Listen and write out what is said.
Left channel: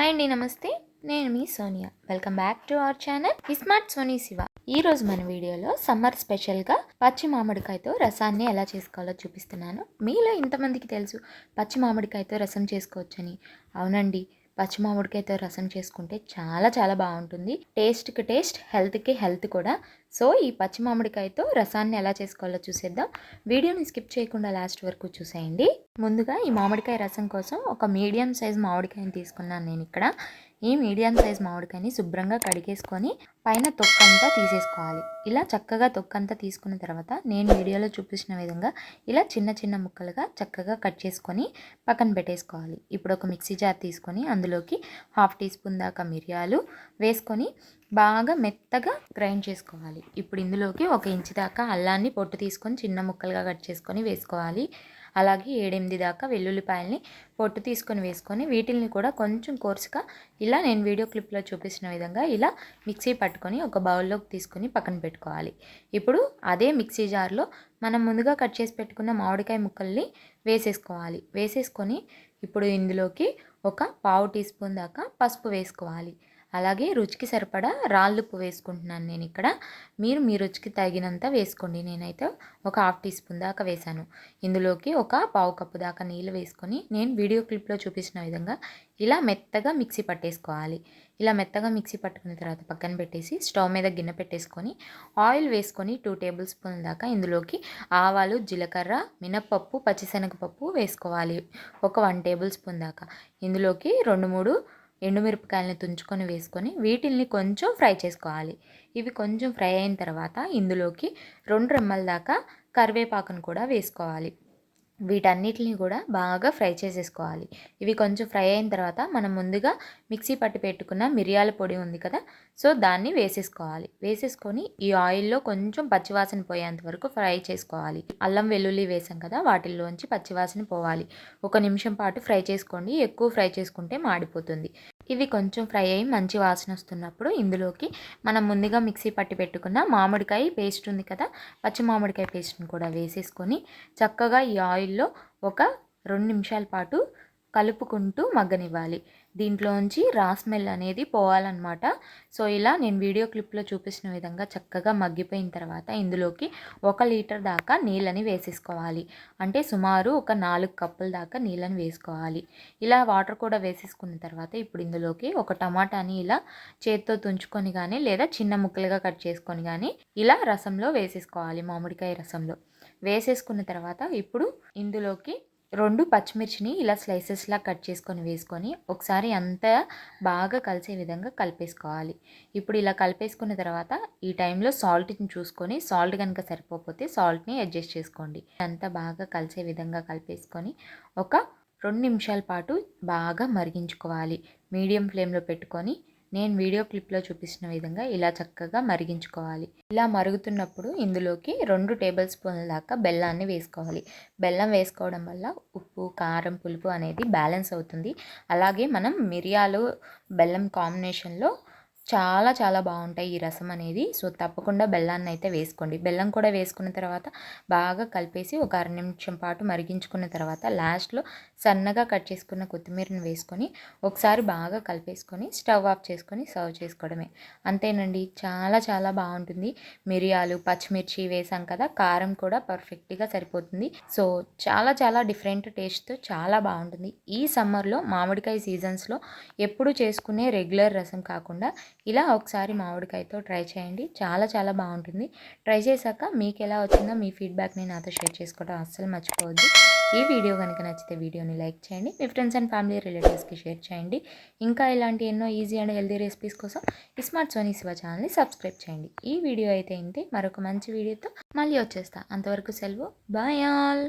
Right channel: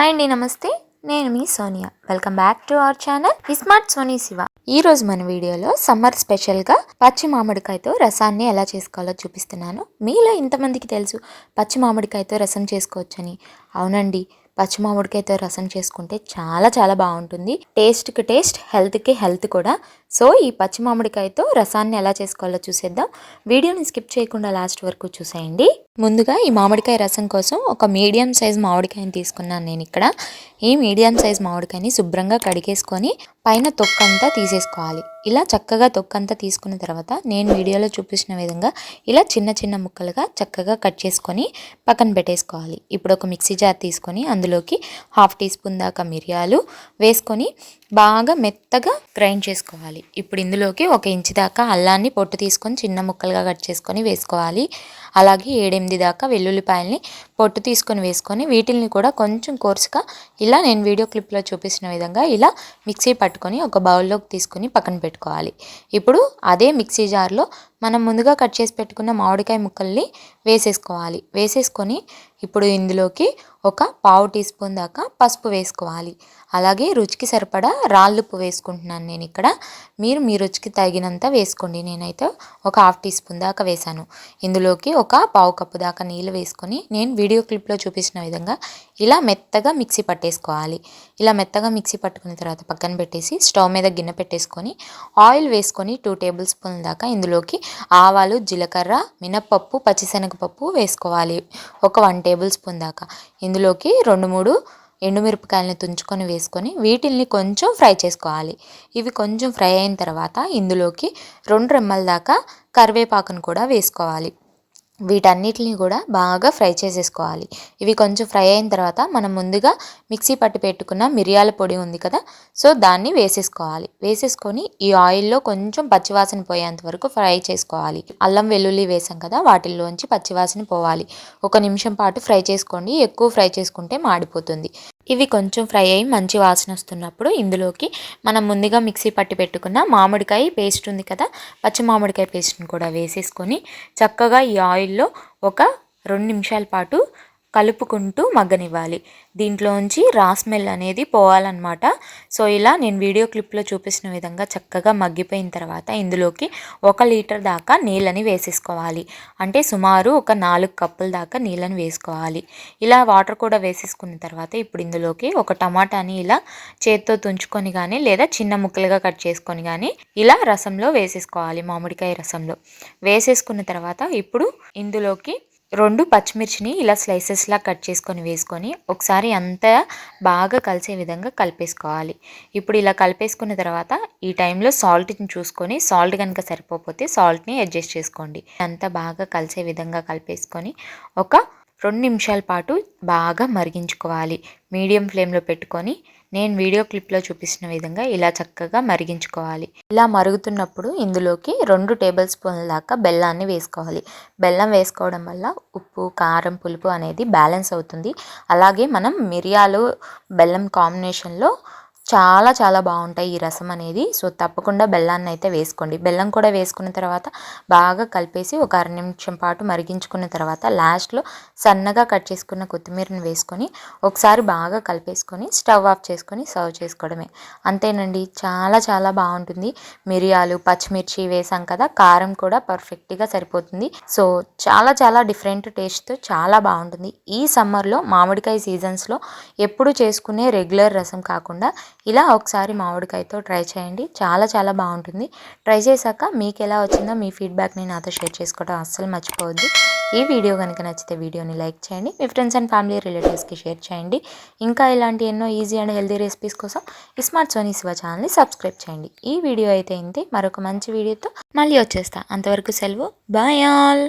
Hi అండి, నమస్తే. నేను మీ Sonia. Welcome back to our channel smart Soni Shiva. ఈ రోజు మన వీడియోలో సమ్మర్ స్పెషల్గా పచ్చి మామిడికాయతో రసాన్ని ఎలా చేసుకోవాలో చూపిస్తున్నాను. మీలో ఇంతమందికి తెలుసు పచ్చి మామిడికాయతో రసం చేసుకోవచ్చని? అవునండి, పచ్చి మామిడికాయతో రసం చేసుకుంటే చాలా చాలా బాగుంటుంది. టేస్ట్కి టేస్ట్, హెల్త్కి హెల్త్ కూడా. సో ఈ పచ్చి మామిడికాయతో రసాన్ని ఎలా చేసుకోవాలో చూసేద్దాం. వీడియోని స్కిప్ చేయకుండా లాస్ట్ వరకు చూసేయండి. ముందుగా ఈ మామిడికాయ రసం కోసం ఒక మీడియం సైజ్ మామిడికాయని తీసుకున్నాను నేను ఇక్కడ. ఈ మీడియం సైజ్ మామిడికాయని శుభ్రంగా కడిగేసుకొని పైన తొక్కంతా తీసేసుకోవాలి. ఇలా చక్కగా తొక్కంతా తీసుకున్న తర్వాత నేను వీడియోలో చూపించిన విధంగా ఇలా చిన్న చిన్న ముక్కలుగా చక్కగా కట్ చేసుకొని పక్కన పెట్టేసుకోవాలి. ఇప్పుడు ఒక మిక్సీ జార్ తీసుకొని అందులోకి 1/2 టీ స్పూన్ దాకా మిరియాలు వేసుకొని బాగా మెత్తగా గ్రైండ్ చేసుకోవాలి. ఇప్పుడు ఇందులోకి 1 ఇంచు దాకా అల్లాన్ని పొట్టు తీసుకొని చిన్న ముక్కలుగా కట్ చేసుకొని వేసుకోవాలి. అలాగే 7-8 దాకా వెల్లుల్లిపాయల్ని పొట్టు తీసుకొని వేసుకొని వీటిల్ని కూడా కొంచెం కోర్సుగా ఇలా నేను వీడియో క్లిప్లో చూపించిన విధంగా ఇలా మిక్సీ పట్టుకొని ఒక బౌల్లోకి తీసుకొని పక్కన పెట్టుకోవాలి. ఇప్పుడు అదే మిక్సీ జార్లో మనం ముందుగా కట్ చేసి పెట్టుకున్న మామిడికాయ ముక్కల్ని వేసేసుకోవాలి. వేసేసుకొని ఇప్పుడు ఇందులోకి ఒక 1/2 టీ స్పూన్ దాకా పసుపు వేసుకోవాలి. అలాగే రుచికి సరిపడా రాళ్ళుప్పు వేసుకుంటున్నాను నేను ఇక్కడ. మీరు మీ రుచికి తగినంత వేసుకోండి. నేనైతే ఒక 1/2 టీ స్పూన్ దాకా వేసాను. ఇందులోకి ఒక 1/4 కప్పు దాకా నీళ్ళు వేసుకొని నేను వీడియో క్లిప్లో చూపించిన విధంగా ఇలా మెత్తగా మిక్సీ పట్టేసుకోవాలి. ఇలా మెత్తగా మిక్సీ పట్టుకున్న తర్వాత పక్కన పెట్టేసి స్టవ్ మీద గిన్నె పెట్టేసుకొని ఆయిల్ వేసుకొని 2 టేబుల్ స్పూన్ల దాకా ఇందులోకి ఆవాలు, జీలకర్ర, మినప్పప్పు, పచ్చిశనగపప్పు వేసుకోవాలి. ఒక 1 టేబుల్ స్పూన్ దాకా ఇందులోకి 2-3 ఎండుమిరపకాయలను తుంచుకొని వేసుకొని వీటిల్ని కొంచెం ఫ్రై చేసుకోవాలి. ఇవి కొంచెం ఫ్రై అయిన తర్వాత ఇందులోకి 2 రెమ్మల దాకా కరివేపాకును కూడా వేసుకోవాలి. వీటన్నిటిని కూడా బాగా ఫ్రై చేసేసుకోవాలి. ఇవి కొంచెం ఫ్రై అయిన తర్వాత మనం ముందుగా మిక్సీ పట్టి పెట్టుకున్న మిరియాల పొడి ఉంది కదా, సో దాన్ని వేసేసుకోవాలి. వేసేసుకొని ఈ ఆయిల్లో కొంచెం పచ్చివాసన పోయేంత వరకు ఫ్రై చేసుకోవాలి. అల్లం వెల్లుల్లి వేసాం కదా, వాటిల్లోంచి పచ్చివాసన పోవాలి. 1 నిమిషం పాటు ఫ్రై చేసుకోండి. ఎక్కువ ఫ్రై చేసుకుంటే మాడిపోతుంది. ఇవి కొంచెం ఫ్రై అయ్యి మంచి వాసన వస్తున్నప్పుడు ఇందులోకి మనం ముందుగా మిక్సీ పట్టి పెట్టుకున్న మామిడికాయ పేస్ట్ ఉంది కదా, పచ్చి మామిడికాయ పేస్ట్ని కూడా వేసేసుకొని చక్కగా ఈ ఆయిల్లో ఒక 2 నిమిషాల పాటు కలుపుకుంటూ మగ్గనివ్వాలి. దీంట్లోంచి రా స్మెల్ అనేది పోవాలన్నమాట. సో ఇలా నేను వీడియో క్లిప్లో చూపించిన విధంగా చక్కగా మగ్గిపోయిన తర్వాత ఇందులోకి 1 లీటర్ దాకా నీళ్ళని వేసేసుకోవాలి. అంటే సుమారు ఒక 4 కప్పుల దాకా నీళ్ళని వేసుకోవాలి. ఇలా వాటర్ కూడా వేసేసుకున్న తర్వాత ఇప్పుడు ఇందులోకి ఒక టమాటాని ఇలా చేత్తో తుంచుకొని కానీ లేదా చిన్న ముక్కలుగా కట్ చేసుకొని కానీ ఇలా రసంలో వేసేసుకోవాలి. మామిడికాయ రసంలో వేసేసుకున్న తర్వాత ఇప్పుడు ఇందులోకి 2 పచ్చిమిర్చిని ఇలా స్లైసెస్లా కట్ చేసుకొని వేసుకొని ఒకసారి అంతా బాగా కలిసే విధంగా కలిపేసుకోవాలి. ఇప్పుడు ఇలా కలిపేసుకున్న తర్వాత ఈ టైంలో సాల్ట్ని చూసుకొని సాల్ట్ కనుక సరిపోతే సాల్ట్ని అడ్జస్ట్ చేసుకోండి. అంతా బాగా కలిసే విధంగా కలిపేసుకొని ఒక 2 నిమిషాల పాటు బాగా మరిగించుకోవాలి. మీడియం ఫ్లేమ్లో పెట్టుకొని నేను వీడియో క్లిప్లో చూపించిన విధంగా ఇలా చక్కగా మరిగించుకోవాలి. ఇలా మరుగుతున్నప్పుడు ఇందులోకి 2 టేబుల్ స్పూన్ల దాకా బెల్లాన్ని వేసుకోవాలి. బెల్లం వేసుకోవడం వల్ల ఉప్పు, కారం, పులుపు అనేది బ్యాలెన్స్ అవుతుంది. అలాగే మనం మిరియాలు, బెల్లం కాంబినేషన్లో చాలా చాలా బాగుంటాయి ఈ రసం అనేది. సో తప్పకుండా బెల్లాన్ని అయితే వేసుకోండి. బెల్లం కూడా వేసుకున్న తర్వాత బాగా కలిపేసి ఒక 1/2 నిమిషం పాటు మరిగించుకున్న తర్వాత లాస్ట్లో సన్నగా కట్ చేసుకున్న కొత్తిమీరని వేసుకొని ఒకసారి బాగా కలిపేసుకొని స్టవ్ ఆఫ్ చేసుకొని సర్వ్ చేసుకోవడమే. అంతేనండి, చాలా చాలా బాగుంటుంది. మిరియాలు, పచ్చిమిర్చి వేసాం కదా, కారం కూడా పర్ఫెక్ట్గా సరిపోతుంది. సో చాలా చాలా డిఫరెంట్ టేస్ట్తో చాలా బాగుంటుంది. ఈ సమ్మర్లో మామిడికాయ సీజన్స్లో ఎప్పుడు చేసుకునే రెగ్యులర్ రసం కాకుండా ఇలా ఒకసారి మామిడికాయతో ట్రై చేయండి. చాలా చాలా బాగుంటుంది. ట్రై చేశాక మీకు ఎలా వచ్చిందో మీ ఫీడ్బ్యాక్ని నాతో షేర్ చేసుకోవడం అస్సలు మర్చిపోవద్దు. ఈ వీడియో కనుక నచ్చితే వీడియోని లైక్ చేయండి. మీ ఫ్రెండ్స్ అండ్ ఫ్యామిలీ రిలేటివ్స్కి షేర్ చేయండి. ఇంకా ఇలాంటి ఎన్నో ఈజీ అండ్ హెల్తీ రెసిపీస్ కోసం స్మార్ట్ సోనీ శివ ఛానల్ని సబ్స్క్రైబ్ చేయండి. ఈ వీడియో అయితే ఇంతే. మరొక మంచి వీడియోతో మళ్ళీ వచ్చేస్తా. అంతవరకు సెలవు. Bye all.